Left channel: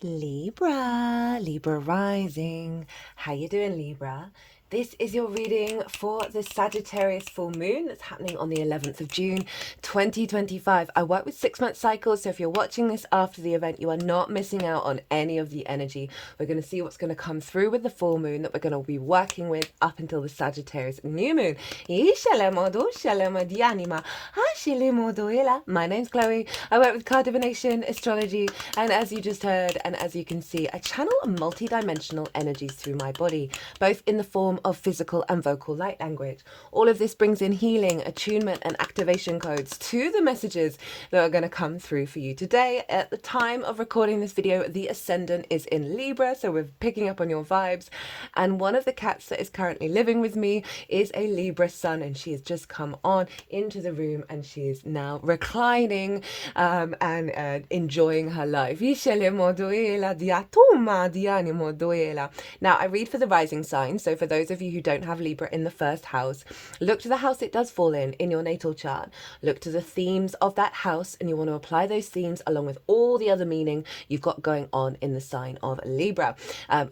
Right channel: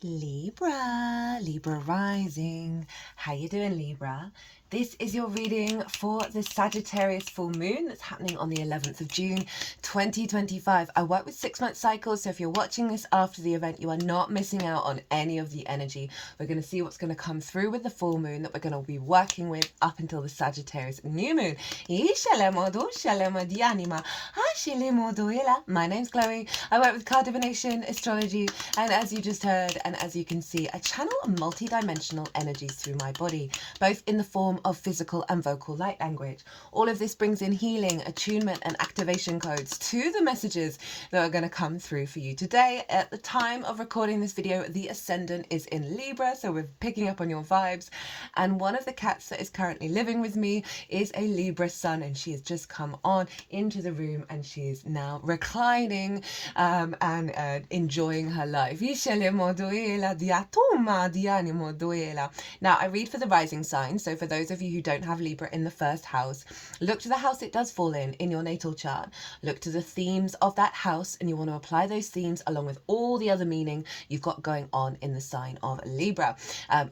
Libra rising. How you doing, Libra? This is your reading for the Sagittarius full moon that's happening on the 11th of June, 2025. I work with 6-month cycles, so if you're watching this after the event, you are not missing out on any of the energy. We're going to see what's going to come through with the full moon that we're going to be working with up until the Sagittarius new moon. My name's Chloe. I work with card divination, astrology, and as you just heard, and as you can see, I channel multi-dimensional energies through my body, both in the form of physical and vocal light language. All of this brings in healing, attunement, and activation codes to the messages that are going to come through for you today. At the time of recording this video, the ascendant is in Libra, so we're picking up on your vibes. And one of the cats that is currently living with me is a Libra sun, and she has just come on into the room, and she is now reclining and enjoying her life. Now, I read for the rising sign, so for those of you who don't have Libra in the first house, look to the house it does fall in your natal chart. Look to the themes of that house, and you want to apply those themes along with all the other meaning you've got going on in the sign of Libra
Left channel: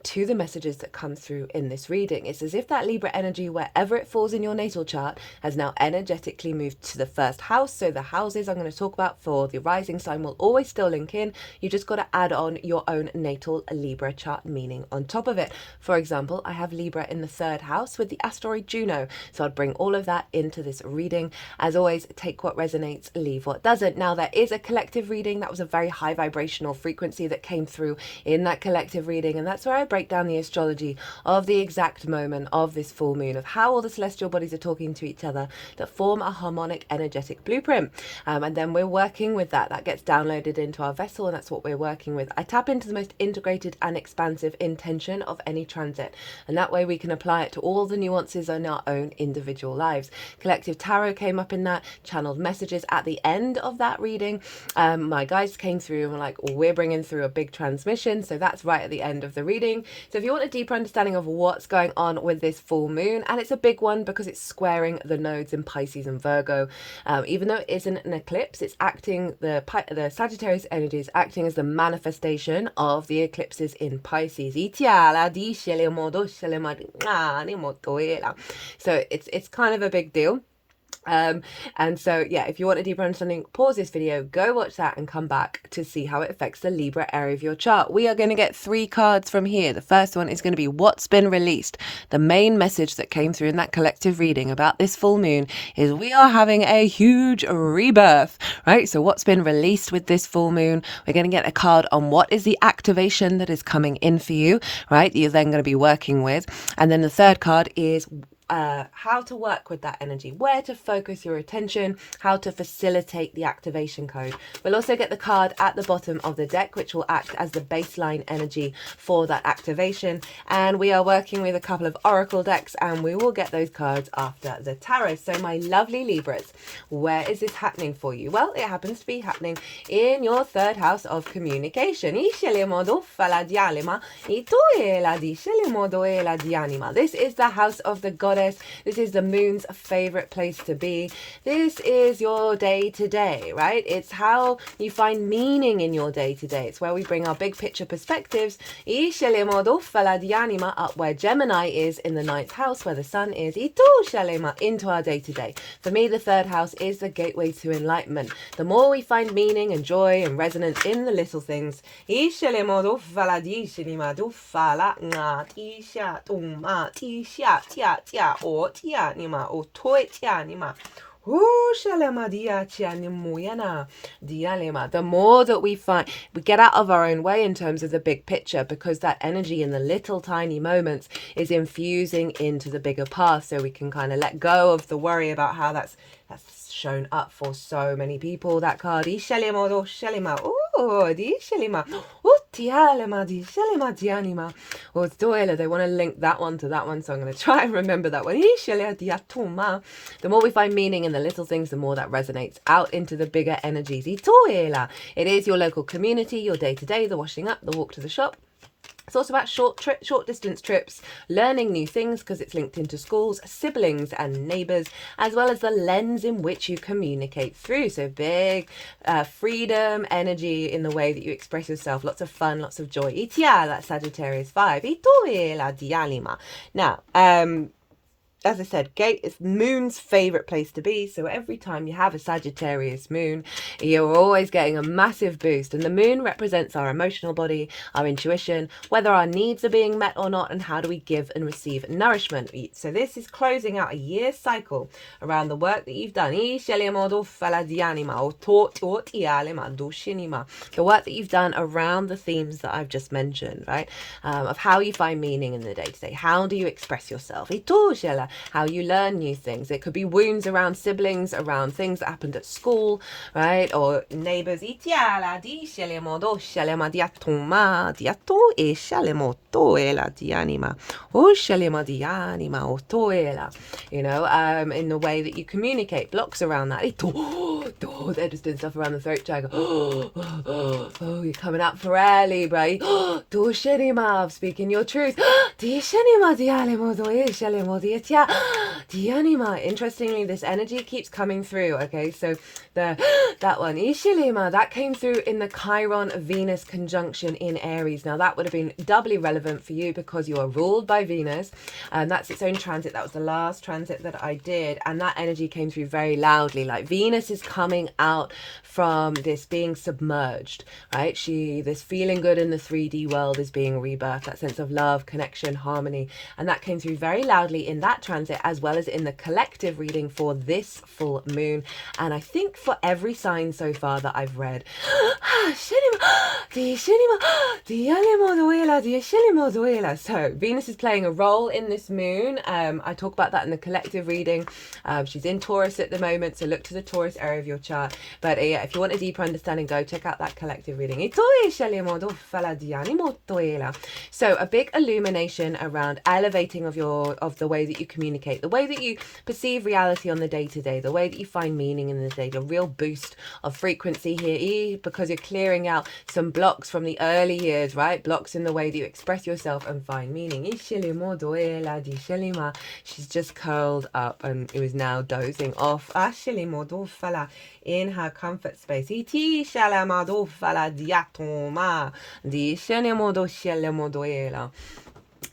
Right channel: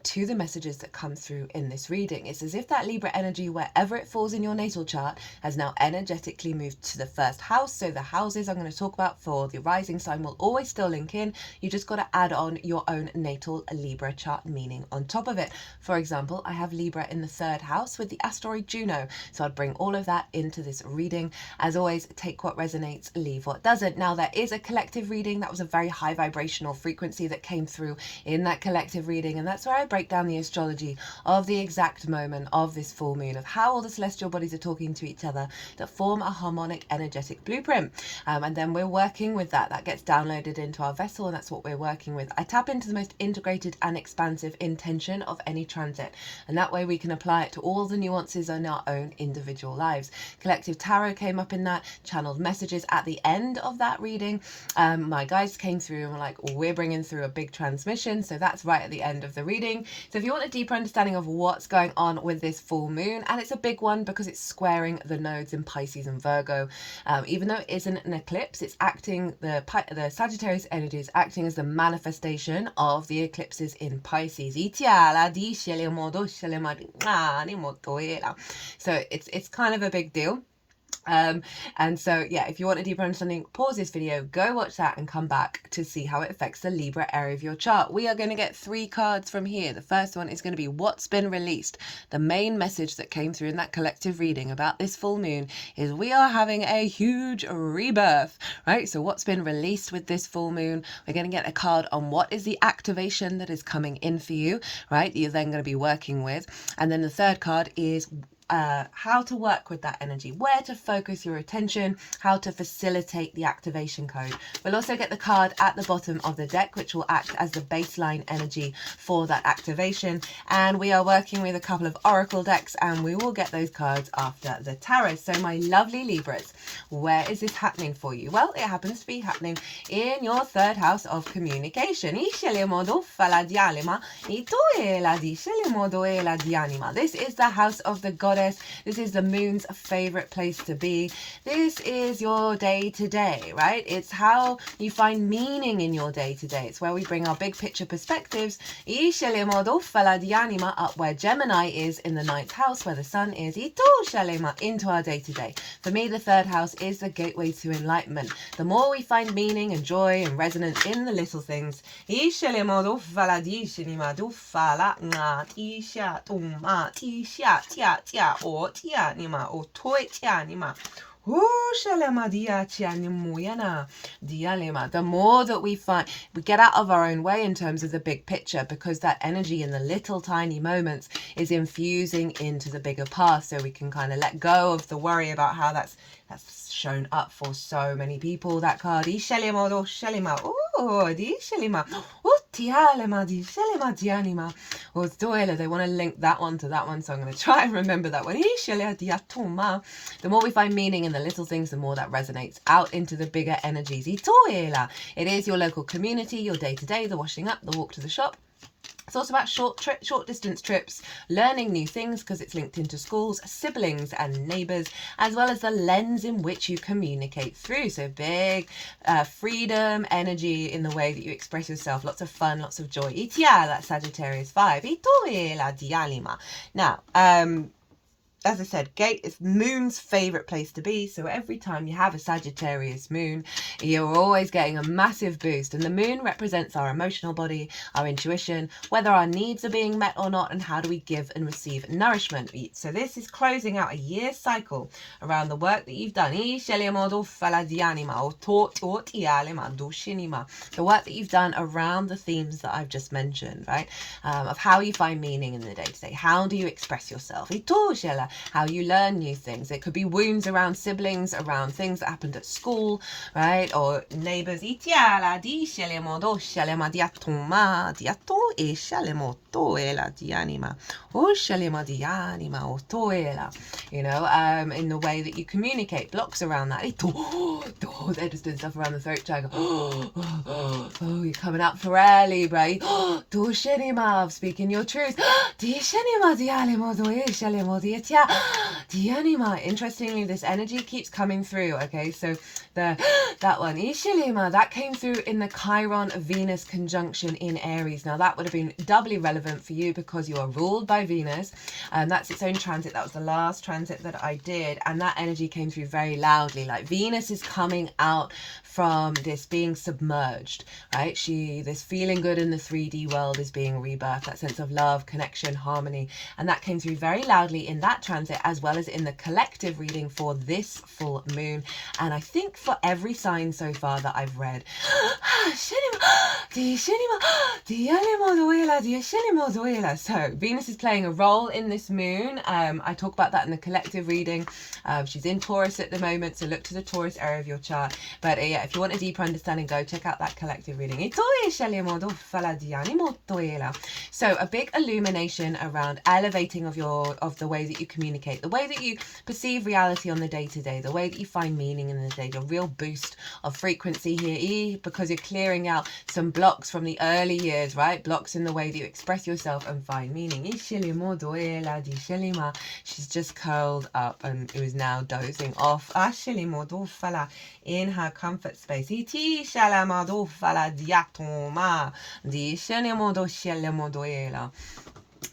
to the messages that come through in this reading. It's as if that Libra energy, wherever it falls in your natal chart, has now energetically moved to the first house. So the houses I'm going to talk about for the rising sign will always still link in. You just got to add on your own natal Libra chart meaning on top of it. For example, I have Libra in the 3rd house with the asteroid Juno, so I'd bring all of that into this reading. As always, take what resonates, leave what doesn't. Now, there is a collective reading. That was a very high vibrational frequency that came through in that collective reading, and that's where I break down the astrology of the exact moment of this full moon, of how all the celestial bodies are talking to each other that form a harmonic energetic blueprint. And then we're working with that gets downloaded into our vessel, and that's what we're working with. I tap into the most integrated and expansive intention of any transit, and that way we can apply it to all the nuances in our own individual lives. Collective tarot came up in that, channeled messages at the end of that reading. My guides came through and were like, we're bringing through a big transmission, so that's right at the end of the reading. So if you want a deeper understanding of what's going on with this full moon, and it's a big one because it's squaring the nodes in Pisces and Virgo, even though it isn't an eclipse, it's acting, the Sagittarius energy is acting as the manifestation of the eclipses in Pisces. So it's kind of a big deal. And so yeah, if you want a deeper understanding, pause this video, go watch that, and come back to see how it affects the Libra area of your chart. We are going to get 3 cards from here. The first one is going to be what's been released. The main message that came through in that collective reading about this full moon is we are having a huge rebirth, right? So what's been released with this full moon? We're going to get a card on what is the activation that is coming in for you, right? You're then going to be working with. And then the third card is how to work with that energy, where to focus your attention, how to facilitate the activation code. We'll also get the card at the bottom of the deck, which will act as the baseline energy for that activation. And we are working with a couple of oracle decks, and we will get those cards after the tarot. So my lovely Libras, where is this happening for you? Well, it happens to be happening in your 3rd house of communication. This is the house of the goddess. This is the moon's favorite place to be. This is your day-to-day, right? It's how you find meaning in your day-to-day. It's where we bring our big picture perspectives up where Gemini is in the 9th house, where the sun is into our day-to-day. For me, the 3rd house is the gateway to enlightenment. The more we find meaning and joy and resonance in the little things, the more that we get out of our own way in terms of the big picture, because that energy in the little tiny moments is infusing into the bigger path, so we can kind of let go of the worry about how that's shown up for so many people. That card, they want to link that one to that one, so I'm going to try and remember that one. The more we find meaning in the little things, the more that resonates out into the bigger energies. It is your local community, your day-to-day, the washing up, the walk to the shop, It's also about short distance trips, learning new things because it's linked into schools, siblings and neighbours, as well as the lens in which you communicate through. So big freedom, energy in the way that you express yourself, lots of fun, lots of joy. Itia, that's Sagittarius 5. Now, as I said, gate is moon's favourite place to be. So every time you have a Sagittarius moon, you're always getting a massive boost. And the moon represents our emotional body, our intuition, whether our needs are being met or not, and how do we give and receive nourishment. So this is closing out a year cycle around the work that you've done. The work that you've done around the themes that I've just mentioned, right? Of how you find meaning in the day-to-day. How do you express yourself? How you learn new things. It could be wounds around siblings, around things that happened at school, right? Or neighbors. You know, in the way that you communicate, blocks around that. They're just doing stuff around the throat chakra. Oh, you're coming out for air, Libra. Speaking your truth. Interestingly, this energy keeps coming through. Okay, so that one that came through in the Chiron Venus conjunction in Aries. Now that would have been doubly relevant for you because you are ruled by Venus, and that's its own transit. That was the last transit that I did, and that energy came through very loudly. Like Venus is coming out from this being submerged, right? This feeling good in the 3D world is being rebirthed, that sense of love, connection, harmony, and that came through very loudly in that transit, as well as in the collective reading for this full moon. And I think for every sign so far that I've read, so Venus is playing a role in this moon. I talk about that in the collective reading. She's in Taurus at the moment, so look to the Taurus area of your chart. But yeah, if you want a deeper understanding, go check out that collective reading. So a big illumination around elevating of the way that you communicate, the way that you perceive reality on the day-to-day, the way that you find meaning in the day, a real boost of frequency here, because you're clearing out some blocks from the early years, right? Blocks in the way that you express yourself and find meaning. She's just curled up and it was now dozing off in her comfort space.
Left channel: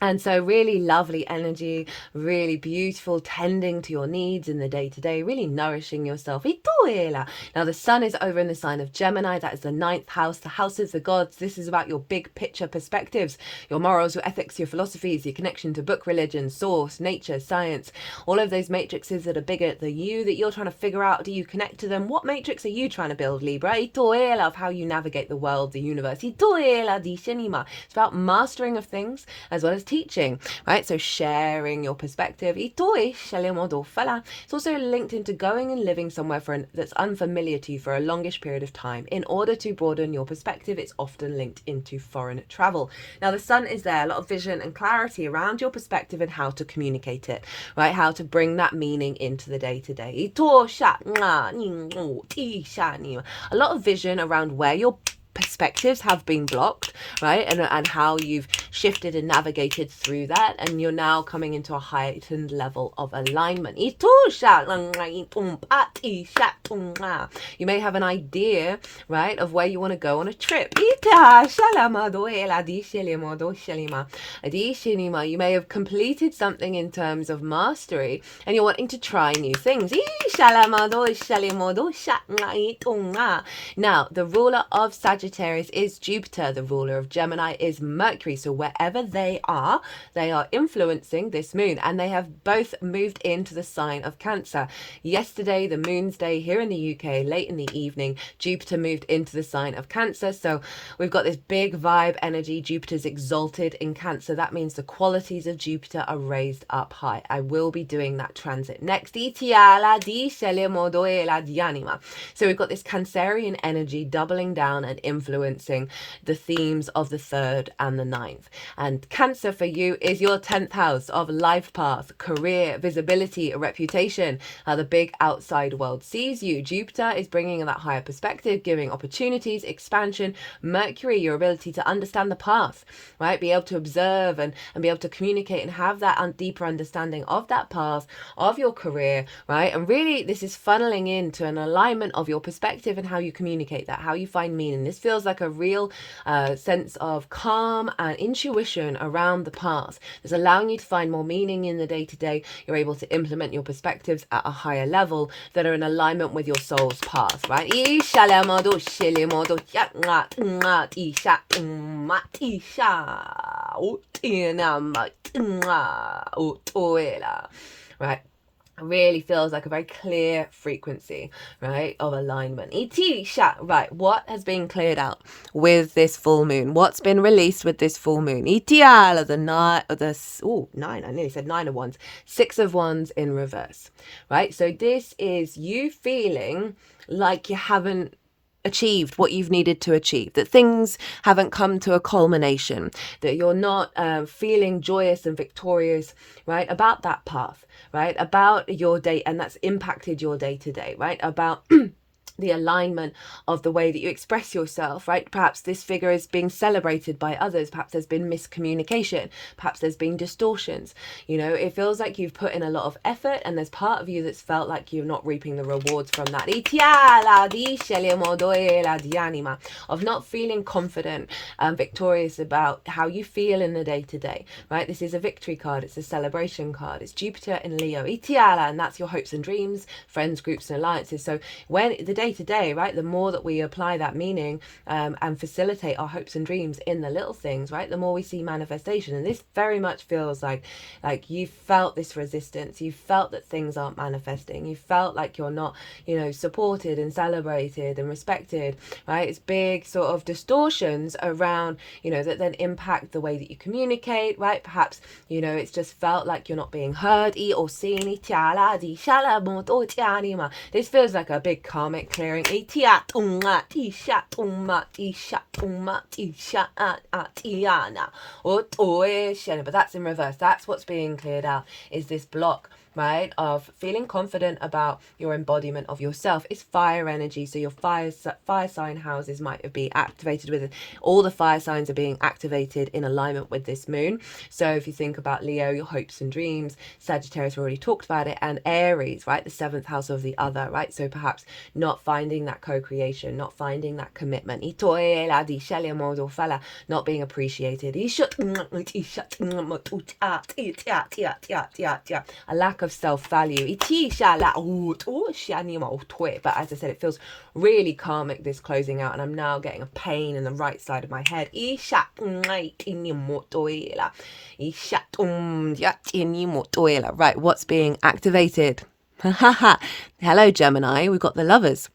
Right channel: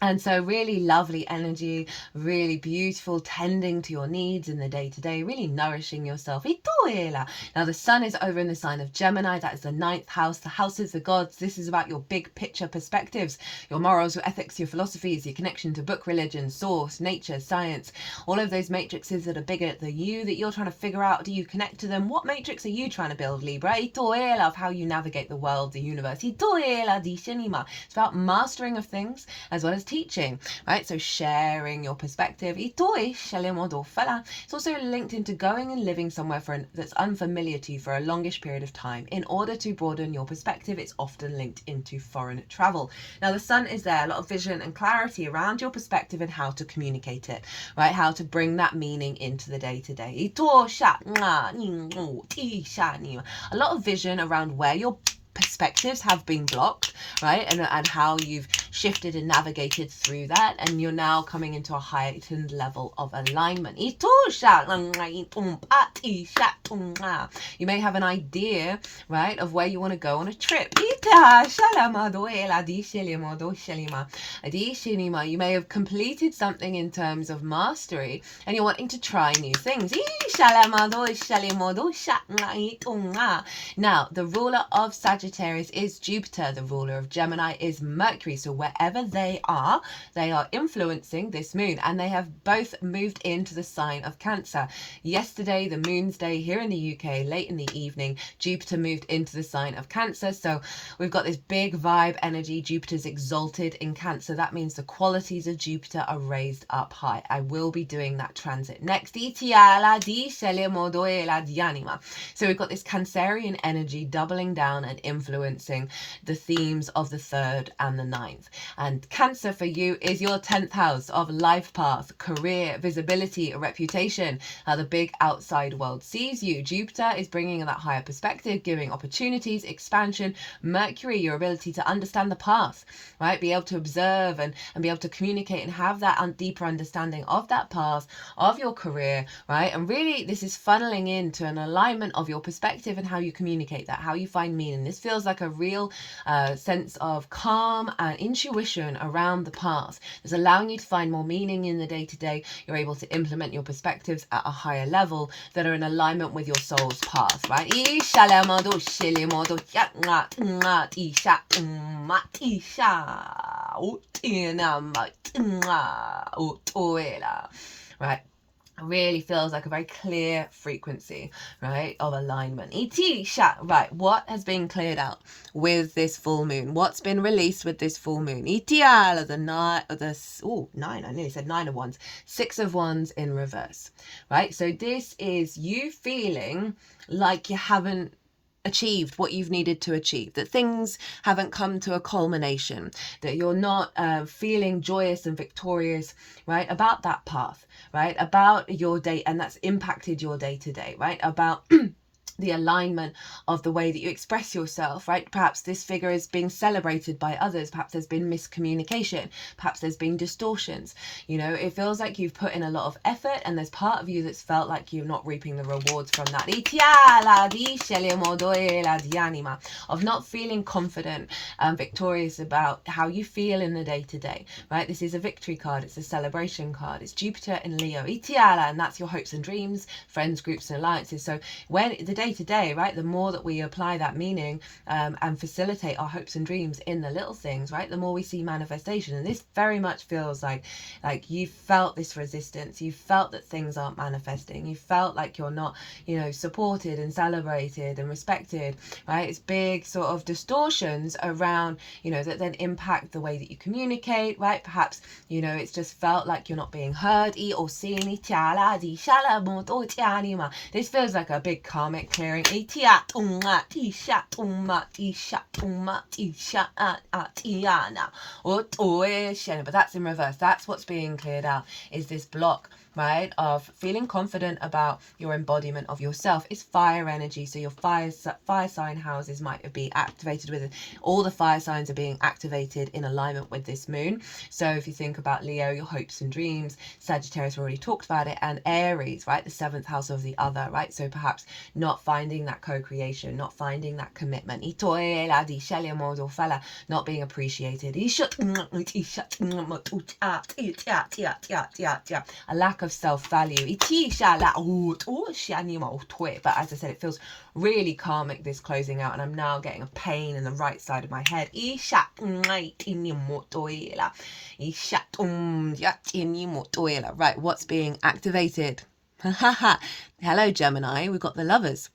And so really lovely energy, really beautiful, tending to your needs in the day-to-day, really nourishing yourself. Now the sun is over in the sign of Gemini. That is the 9th house, the house of the gods. This is about your big picture perspectives, your morals, your ethics, your philosophies, your connection to book, religion, source, nature, science, all of those matrices that are bigger than you, that you're trying to figure out. Do you connect to them? What matrix are you trying to build, Libra? Of how you navigate the world, the universe. It's about mastering of things as well as teaching, right? So sharing your perspective. It's also linked into going and living somewhere that's unfamiliar to you for a longish period of time. In order to broaden your perspective, it's often linked into foreign travel. Now the sun is there, a lot of vision and clarity around your perspective and how to communicate it, right? How to bring that meaning into the day-to-day. A lot of vision around where your perspectives have been blocked, right? And how you've shifted and navigated through that, and you're now coming into a heightened level of alignment. You may have an idea, right, of where you want to go on a trip. You may have completed something in terms of mastery and you're wanting to try new things. Now the ruler of Sagittarius is Jupiter. The ruler of Gemini is Mercury. So wherever they are influencing this moon, and they have both moved into the sign of Cancer. Yesterday, the moon's day here in the UK, late in the evening, Jupiter moved into the sign of Cancer. So we've got this big vibe energy. Jupiter's exalted in Cancer. That means the qualities of Jupiter are raised up high. I will be doing that transit next. So we've got this Cancerian energy doubling down and influencing the themes of the 3rd and the 9th. And Cancer for you is your 10th house of life path, career, visibility, reputation, how the big outside world sees you. Jupiter is bringing that higher perspective, giving opportunities, expansion. Mercury, your ability to understand the path, right? Be able to observe and be able to communicate and have that deeper understanding of that path, of your career, right? And really, this is funneling into an alignment of your perspective and how you communicate that, how you find meaning. This feels like a real sense of calm and intuition around the path. It's allowing you to find more meaning in the day-to-day. You're able to implement your perspectives at a higher level that are in alignment with your soul's path, right? Right? Really feels like a very clear frequency, right, of alignment. Right, what has been cleared out with this full moon? What's been released with this full moon? Nine, I nearly said 9 of Wands. 6 of Wands in reverse, right? So this is you feeling like you haven't achieved what you've needed to achieve, that things haven't come to a culmination, that you're not feeling joyous and victorious, right, about that path, right, about your day, and that's impacted your day to day, right, about the alignment of the way that you express yourself, right? Perhaps this figure is being celebrated by others. Perhaps there's been miscommunication. Perhaps there's been distortions. You know, it feels like you've put in a lot of effort and there's part of you that's felt like you're not reaping the rewards from that. Of not feeling confident and victorious about how you feel in the day-to-day, right? This is a victory card. It's a celebration card. It's Jupiter in Leo. And that's your hopes and dreams, friends, groups and alliances. So when the day-to-day, right, the more that we apply that meaning and facilitate our hopes and dreams in the little things, right, the more we see manifestation. And this very much feels like you felt this resistance, you felt that things aren't manifesting, you felt like you're not, you know, supported and celebrated and respected, right? It's big sort of distortions around, you know, that then impact the way that you communicate, right? Perhaps, you know, it's just felt like you're not being heard or seen. This feels like a big karmic clearing. But that's in reverse. That's what's being cleared out, is this block, right, of feeling confident about your embodiment of yourself. It's fire energy, so your fire sign houses might be activated with it. All the fire signs are being activated in alignment with this moon. So if you think about Leo, your hopes and dreams, Sagittarius, we already talked about it, and Aries, right, the 7th house of the other, right? So perhaps not finding that co-creation, not finding that commitment, not being appreciated, a lack of self-value. But as I said, it feels really karmic, this closing out, and I'm now getting a pain in the right side of my head. Right, what's being activated? Hello, Gemini. We've got the Lovers.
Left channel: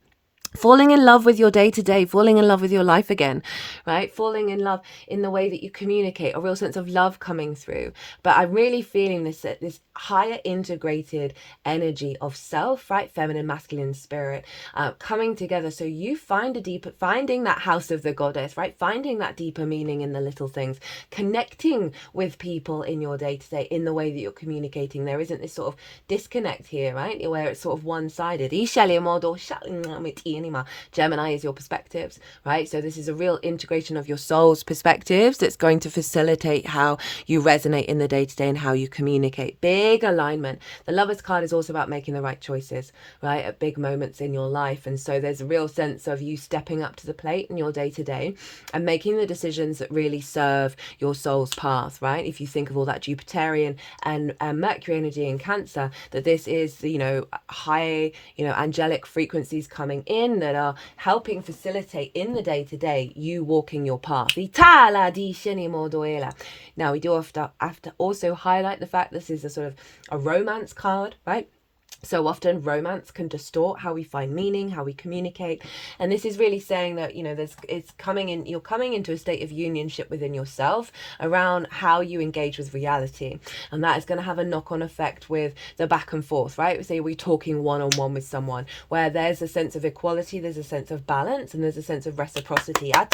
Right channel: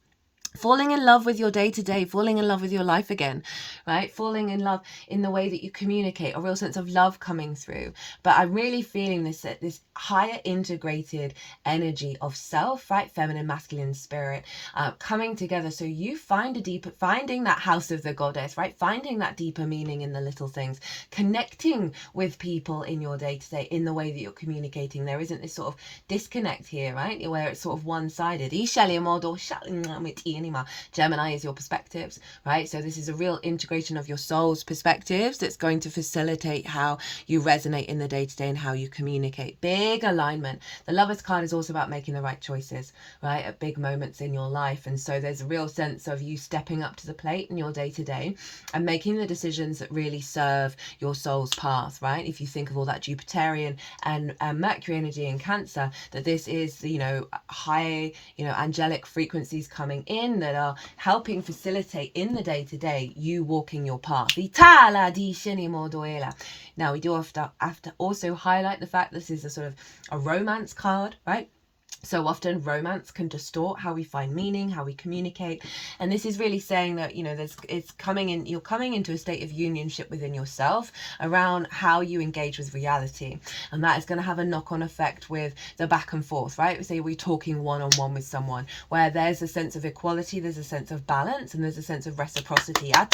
Falling in love with your day-to-day, falling in love with your life again, right? Falling in love in the way that you communicate, a real sense of love coming through. But I'm really feeling this higher integrated energy of self, right? Feminine, masculine spirit coming together. So you finding that house of the goddess, right? Finding that deeper meaning in the little things, connecting with people in your day-to-day in the way that you're communicating. There isn't this sort of disconnect here, right? Where it's sort of one-sided. Gemini is your perspectives, right? So this is a real integration of your soul's perspectives that's going to facilitate how you resonate in the day-to-day and how you communicate. Big alignment. The Lovers card is also about making the right choices, right, at big moments in your life. And so there's a real sense of you stepping up to the plate in your day-to-day and making the decisions that really serve your soul's path, right? If you think of all that Jupiterian and Mercury energy in Cancer, that this is, you know, high, you know, angelic frequencies coming in that are helping facilitate in the day-to-day you walking your path. Now we do have to also highlight the fact this is a sort of a romance card, right? So often romance can distort how we find meaning, how we communicate. And this is really saying that, you know, you're coming into a state of unionship within yourself around how you engage with reality. And that is going to have a knock-on effect with the back and forth, right? Say we're talking one-on-one with someone where there's a sense of equality, there's a sense of balance, and there's a sense of reciprocity. How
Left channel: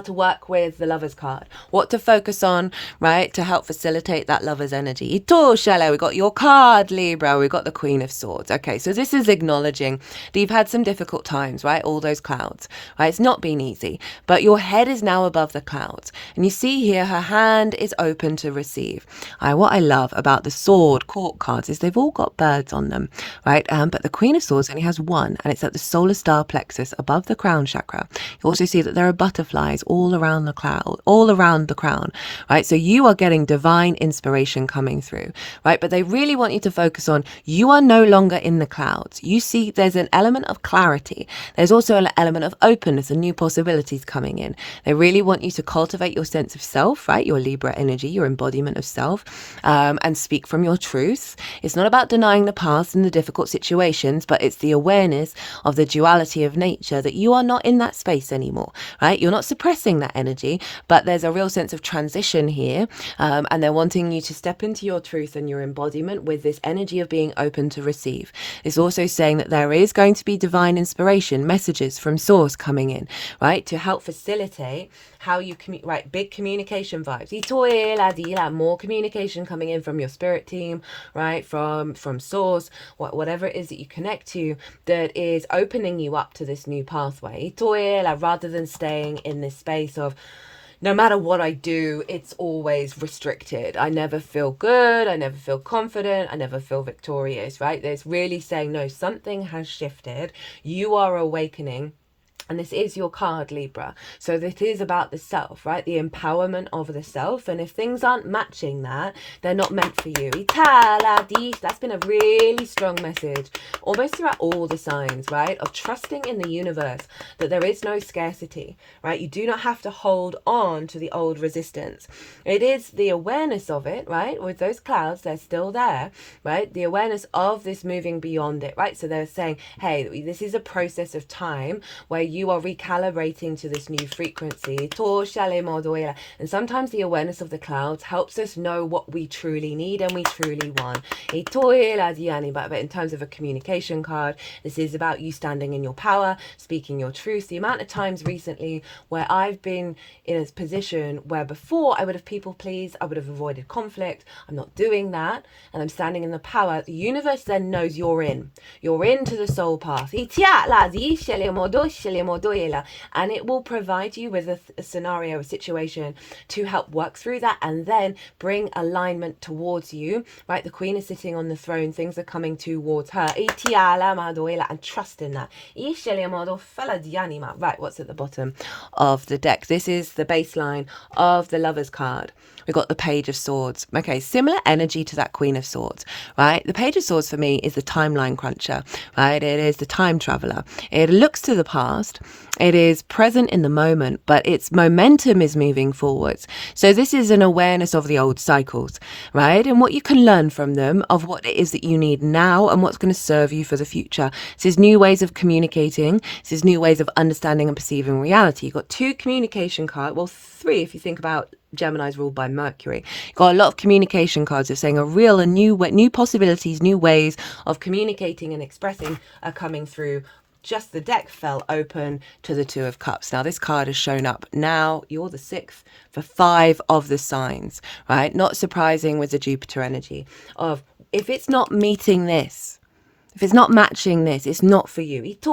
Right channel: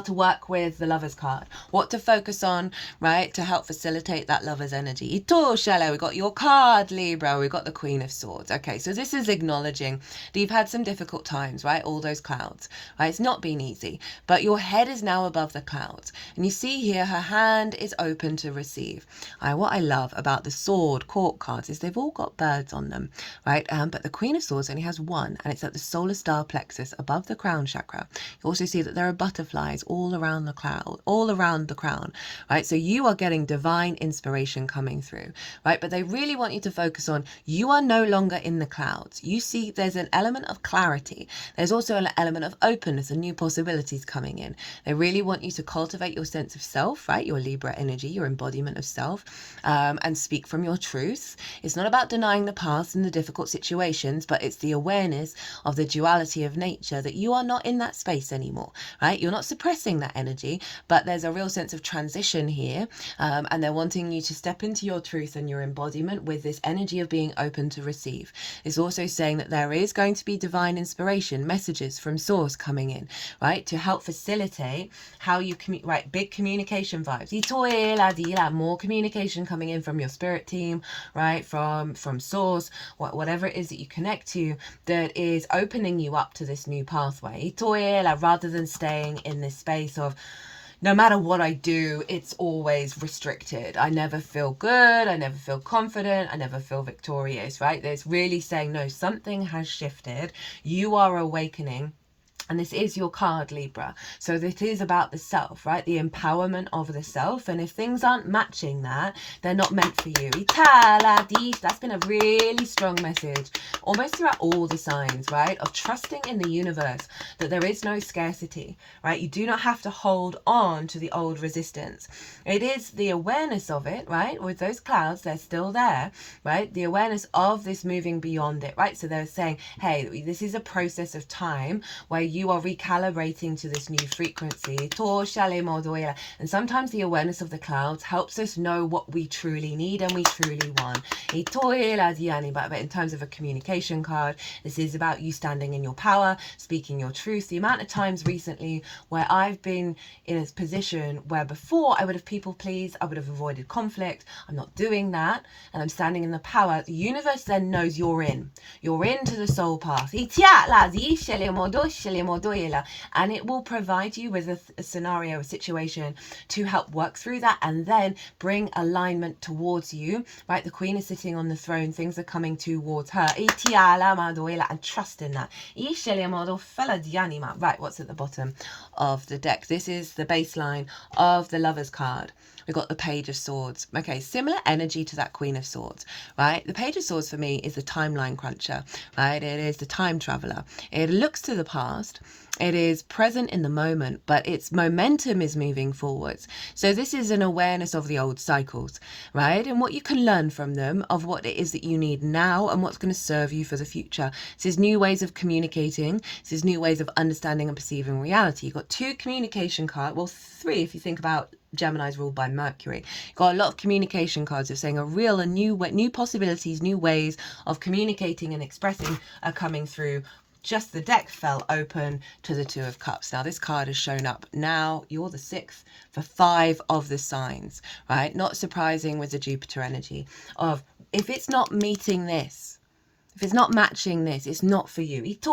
to work with the Lover's card, what to focus on, right, to help facilitate that lover's energy. Ito shale, we got your card, Libra, we got the Queen of Swords. Okay, so this is acknowledging that you've had some difficult times, right? All those clouds, right? It's not been easy, but your head is now above the clouds. And you see here, her hand is open to receive. What I love about the Sword Court cards is they've all got birds on them, right? But the Queen of Swords only has one, and it's at the solar star plexus above the crown chakra. You also see that there are butterflies all around the cloud, all around the crown, right? So you are getting divine inspiration coming through, right? But they really want you to focus on, you are no longer in the clouds. You see there's an element of clarity. There's also an element of openness and new possibilities coming in. They really want you to cultivate your sense of self, right? Your Libra energy, your embodiment of self, and speak from your truth. It's not about denying the past and the difficult situations, but it's the awareness of the duality of nature, that you are not in that space anymore, right? You're not suppressing that energy, but there's a real sense of transition here, and they're wanting you to step into your truth and your embodiment with this energy of being open to receive. It's also saying that there is going to be divine inspiration, messages from source coming in, right, to help facilitate how you right, big communication vibes. More communication coming in from your spirit team, right, from source, whatever it is that you connect to, that is opening you up to this new pathway, rather than staying in this space of, no matter what I do, it's always restricted. I never feel good. I never feel confident. I never feel victorious, right? There's really saying, no, something has shifted. You are awakening. And this is your card, Libra. So it is about the self, right? The empowerment of the self. And if things aren't matching that, they're not meant for you. That's been a really strong message, almost throughout all the signs, right? Of trusting in the universe, that there is no scarcity, right? You do not have to hold on to the old resistance. It is the awareness of it, right? With those clouds, they're still there, right? The awareness of this moving beyond it, right? So they're saying, hey, this is a process of time where you are recalibrating to this new frequency. And sometimes the awareness of the clouds helps us know what we truly need and we truly want. But in terms of a communication card, this is about you standing in your power, speaking your truth. The amount of times recently where I've been in a position where before I would have people pleased, I would have avoided conflict. I'm not doing that, and I'm standing in the power. The universe then knows you're in. You're into the soul path. And it will provide you with a scenario, a situation to help work through that and then bring alignment towards you, right? The Queen is sitting on the throne, things are coming towards her, and trust in that. Right, what's at the bottom of the deck? This is the baseline of the Lover's card. We've got the Page of Swords. Okay, similar energy to that Queen of Swords, right? The Page of Swords for me is the timeline cruncher, right? It is the time traveler. It looks to the past. It is present in the moment, but its momentum is moving forwards. So this is an awareness of the old cycles, right? And what you can learn from them, of what it is that you need now and what's going to serve you for the future. This is new ways of communicating. This is new ways of understanding and perceiving reality. You've got two communication cards, well, three if you think about Gemini's ruled by Mercury. You've got a lot of communication cards that are saying a real and new possibilities, new ways of communicating and expressing are coming through. Just the deck fell open to the Two of Cups. Now this card has shown up. Now you're the sixth for 5 of the signs, right? Not surprising with the Jupiter energy of, if it's not meeting this, if it's not matching this, it's not for you. But it's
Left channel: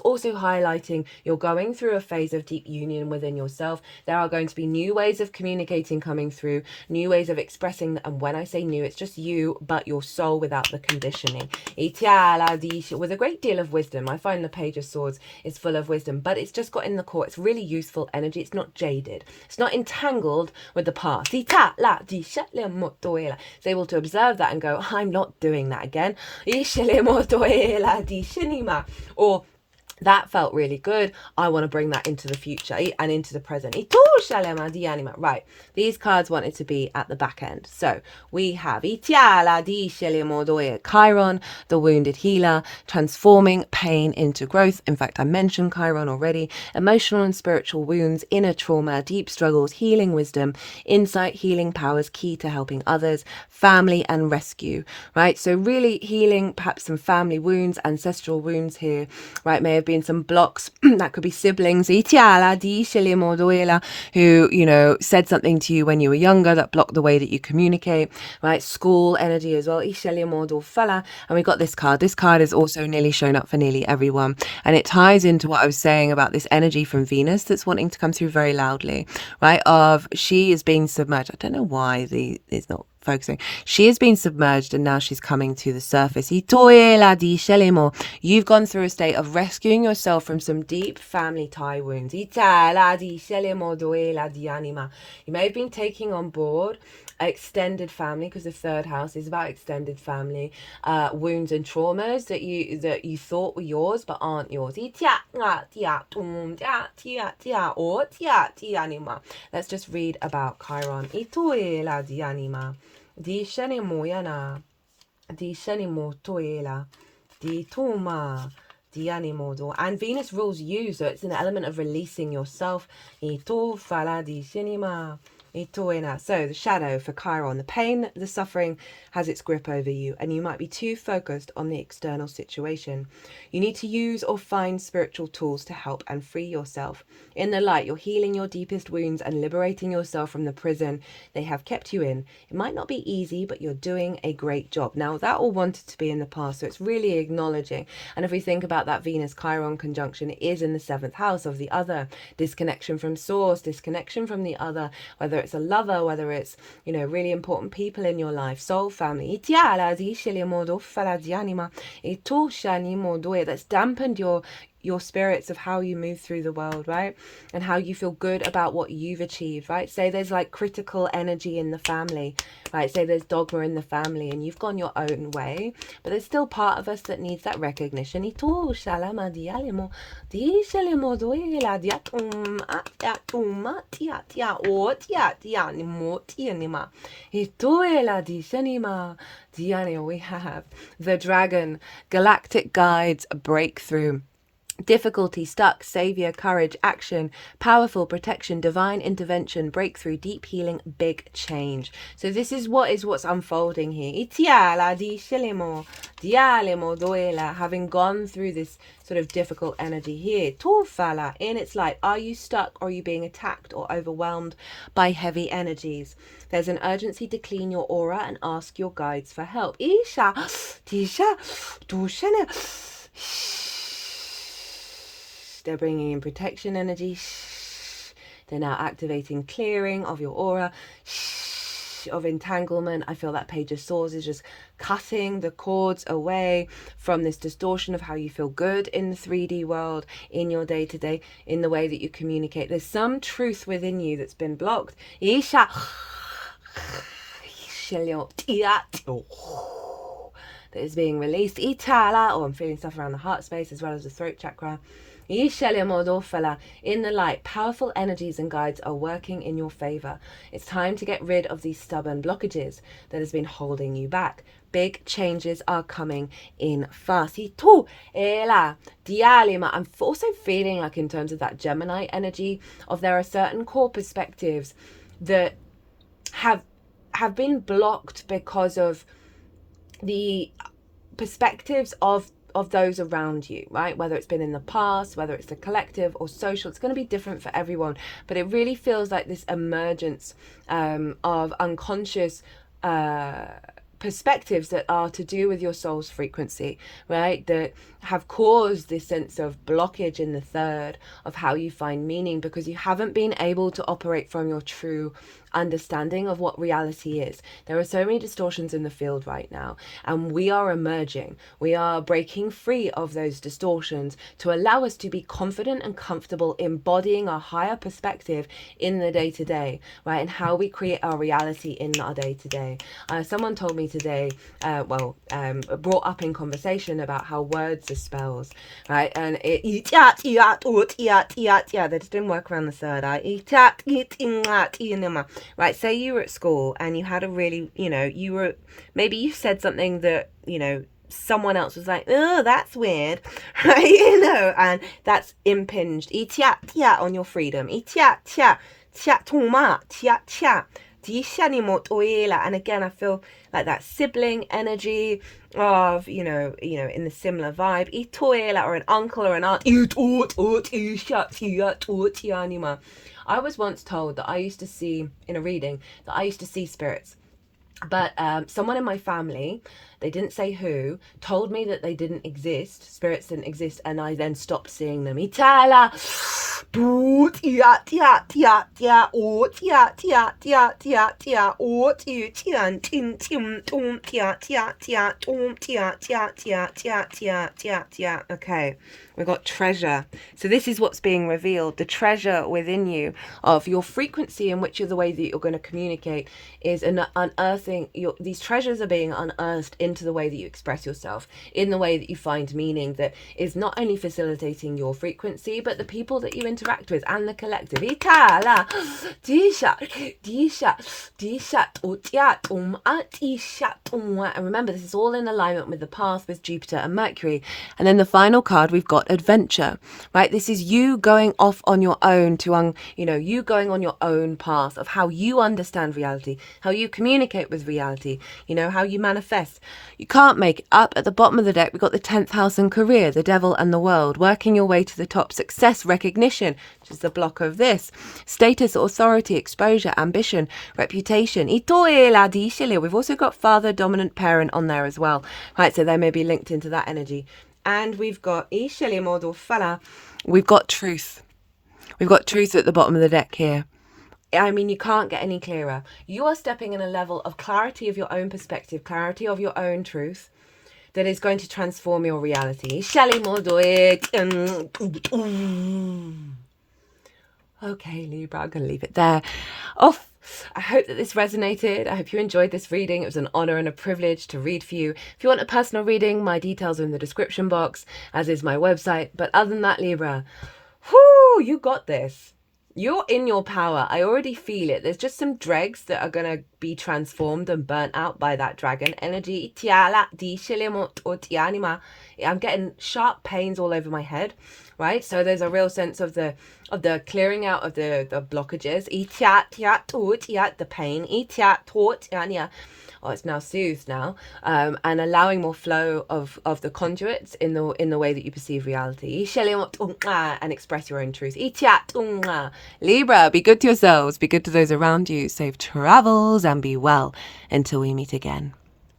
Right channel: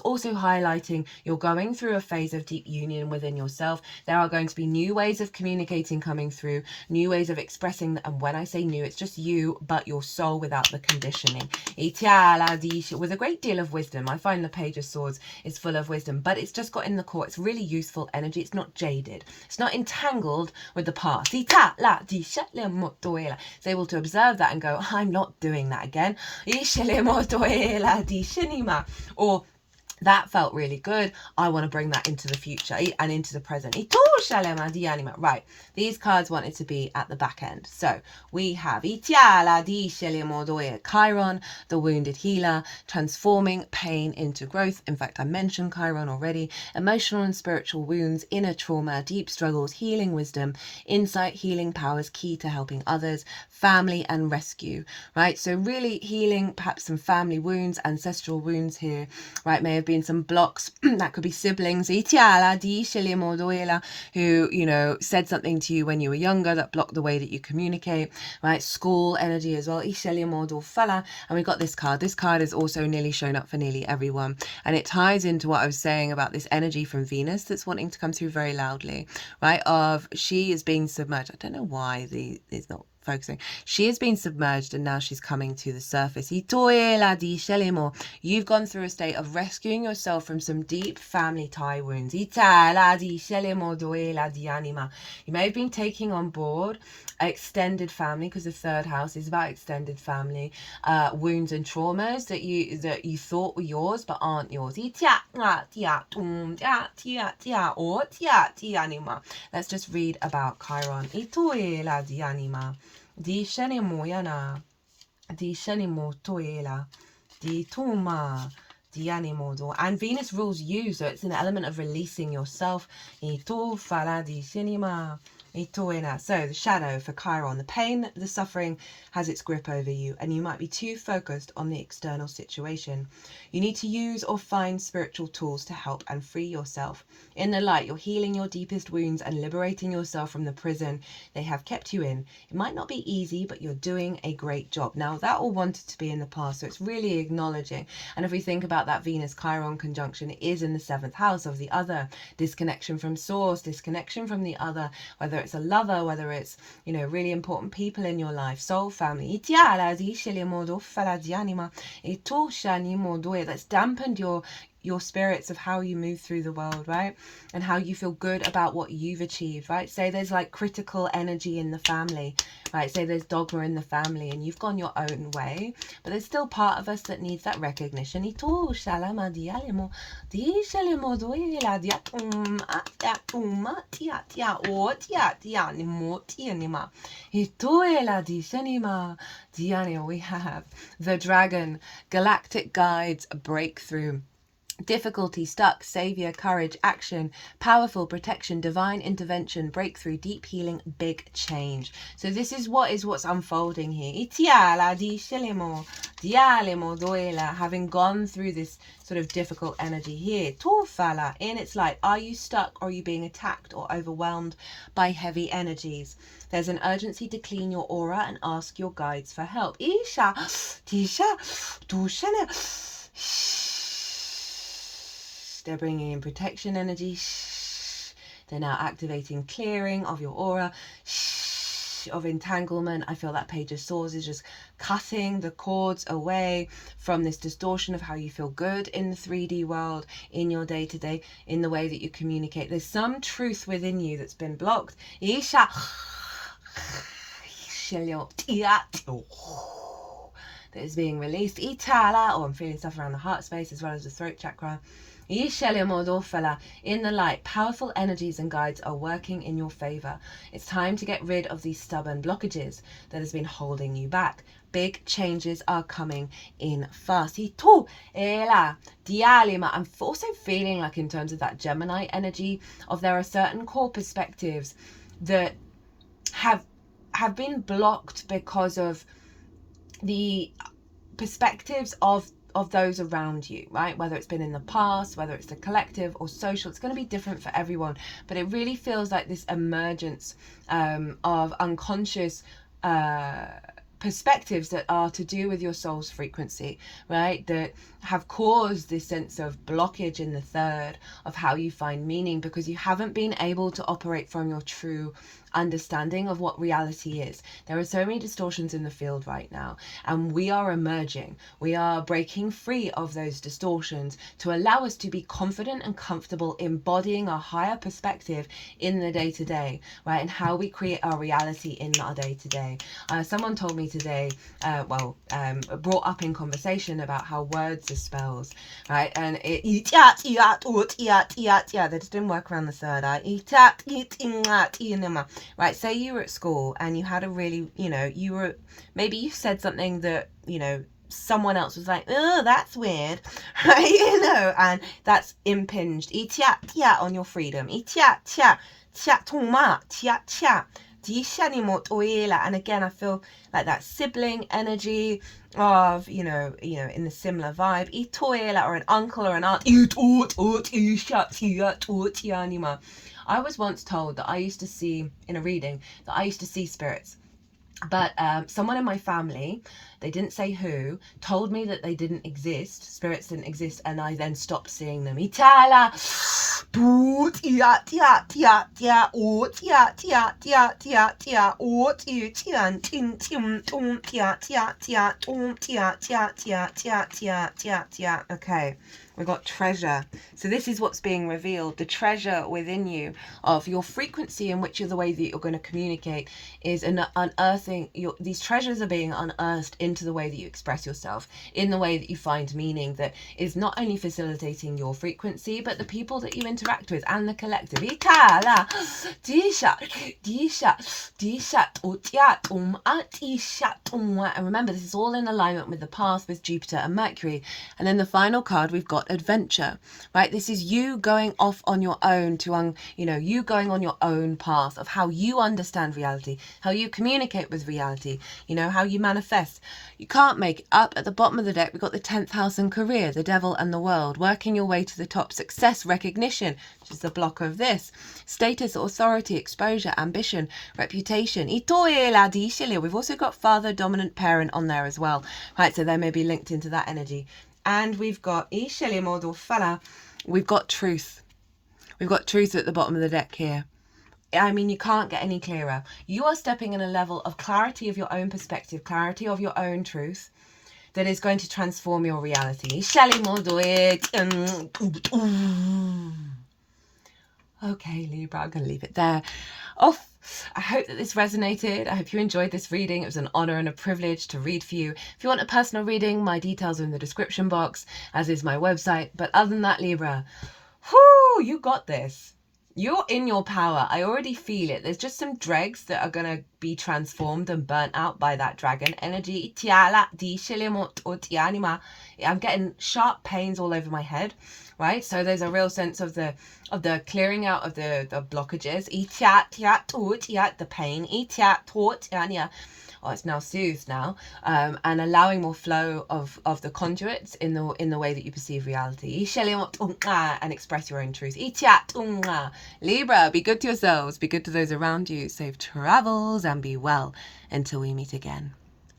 also highlighting you're going through a phase of deep union within yourself. There are going to be new ways of communicating coming through, new ways of expressing. And when I say new, it's just you, but your soul without the conditioning. With a great deal of wisdom. I find the Page of Swords is full of wisdom, but it's just got in the core. It's really useful energy. It's not jaded. It's not entangled with the past. It's able to observe that and go, I'm not doing that again. Or That felt really good. I want to bring that into the future and into the present. Right. These cards wanted to be at the back end. So we have Chiron, the wounded healer, transforming pain into growth. In fact, I mentioned Chiron already. Emotional and spiritual wounds, inner trauma, deep struggles, healing wisdom, insight, healing powers, key to helping others, family and rescue. Right. So really healing perhaps some family wounds, ancestral wounds here. Right. May have been some blocks. That could be siblings who, you know, said something to you when you were younger that blocked the way that you communicate, right? School energy as well. And we got this card. This card is also nearly shown up for nearly everyone. And it ties into what I was saying about this energy from Venus that's wanting to come through very loudly, right? Of she is being submerged. I don't know why it's not focusing. She has been submerged and now she's coming to the surface. You've gone through a state of rescuing yourself from some deep family tie wounds. You may have been taking on board extended family, because the third house is about extended family wounds and traumas that you thought were yours but aren't yours. Let's just read about Chiron. Di shani moyana, di shani motoela, di tuma, di animodo. And Venus rules you, so it's an element of releasing yourself. Ito fala di shinima. So the shadow for Chiron, the pain, the suffering has its grip over you, and you might be too focused on the external situation. You need to use or find spiritual tools to help and free yourself. In the light, you're healing your deepest wounds and liberating yourself from the prison they have kept you in. It might not be easy, but you're doing a great job. Now, that all wanted to be in the past, so it's really acknowledging. And if we think about that Venus-Chiron conjunction, it is in the 7th house of the other. Disconnection from source, disconnection from the other, whether it's a lover, whether it's, you know, really important people in your life, soul family. That's dampened your spirits of how you move through the world, right? And how you feel good about what you've achieved, right? Say there's like critical energy in the family, right? Say there's dogma in the family and you've gone your own way, but there's still part of us that needs that recognition. We have the dragon, galactic guides, breakthrough. Difficulty, stuck, savior, courage, action, powerful, protection, divine intervention, breakthrough, deep healing, big change. So this is what's unfolding here. Having gone through this sort of difficult energy here. Tofala, in its light, are you stuck or are you being attacked or overwhelmed by heavy energies? There's an urgency to clean your aura and ask your guides for help. Isha, Tisha, Tushana. They're bringing in protection energy. They're now activating clearing of your aura, of entanglement. I feel that Page of Swords is just cutting the cords away from this distortion of how you feel good in the 3D world, in your day-to-day, in the way that you communicate. There's some truth within you that's been blocked. Isha. That is being released. I'm feeling stuff around the heart space as well as the throat chakra. In the light, powerful energies and guides are working in your favor. It's time to get rid of these stubborn blockages that has been holding you back. Big changes are coming in fast. I'm also feeling like, in terms of that Gemini energy, there are certain core perspectives that have been blocked because of the perspectives of those around you, right? Whether it's been in the past, whether it's the collective or social, it's going to be different for everyone. But it really feels like this emergence of unconscious perspectives that are to do with your soul's frequency, right? That have caused this sense of blockage in the third of how you find meaning, because you haven't been able to operate from your true understanding of what reality is. There are so many distortions in the field right now, and we are emerging. We are breaking free of those distortions to allow us to be confident and comfortable embodying our higher perspective in the day-to-day, right? And how we create our reality in our day-to-day. Someone told me today, brought up in conversation about how words are spells, right? And they just didn't work around the third eye. Right, say you were at school and you had a really, maybe you said something that, someone else was like, oh, that's weird, right? And that's impinged on your freedom. And again, I feel like that sibling energy of, in the similar vibe. Or an uncle or an aunt. I was once told that I used to see, in a reading, that I used to see spirits. But someone in my family, they didn't say who, told me that they didn't exist, spirits didn't exist, and I then stopped seeing them. Okay, we got treasure. So this is what's being revealed. The treasure within you of your frequency, in which is the way that you're going to communicate, is unearthing. These treasures are being unearthed into the way that you express yourself, in the way that you find meaning, that is not only facilitating your frequency, but the people that you interact with and the collective. And remember, this is all in alignment with the path with Jupiter and Mercury. And then the final card, we've got adventure, right? This is you going off on your own to, you going on your own path of how you understand reality, how you communicate with reality, how you manifest. You can't make it up. At the bottom of the deck, we've got the 10th house and career, the devil and the world, working your way to the top, success, recognition, which is the block of this, status, authority, exposure, ambition, reputation. We've also got father, dominant parent on there as well, right? So they may be linked into that energy. And we've got truth. We've got truth at the bottom of the deck here. I mean, you can't get any clearer. You are stepping in a level of clarity of your own perspective, clarity of your own truth, that is going to transform your reality. Okay, Libra, I'm going to leave it there. I hope that this resonated. I hope you enjoyed this reading. It was an honor and a privilege to read for you. If you want a personal reading, my details are in the description box, as is my website. But other than that, Libra, you got this. You're in your power. I already feel it. There's just some dregs that are going to be transformed and burnt out by that dragon energy. I'm getting sharp pains all over my head, right? So there's a real sense of the clearing out of the blockages. The pain. Oh, it's now soothed now, and allowing more flow of the conduits in the way that you perceive reality. And express your own truth. Libra, be good to yourselves, be good to those around you, safe travels, and be well until we meet again.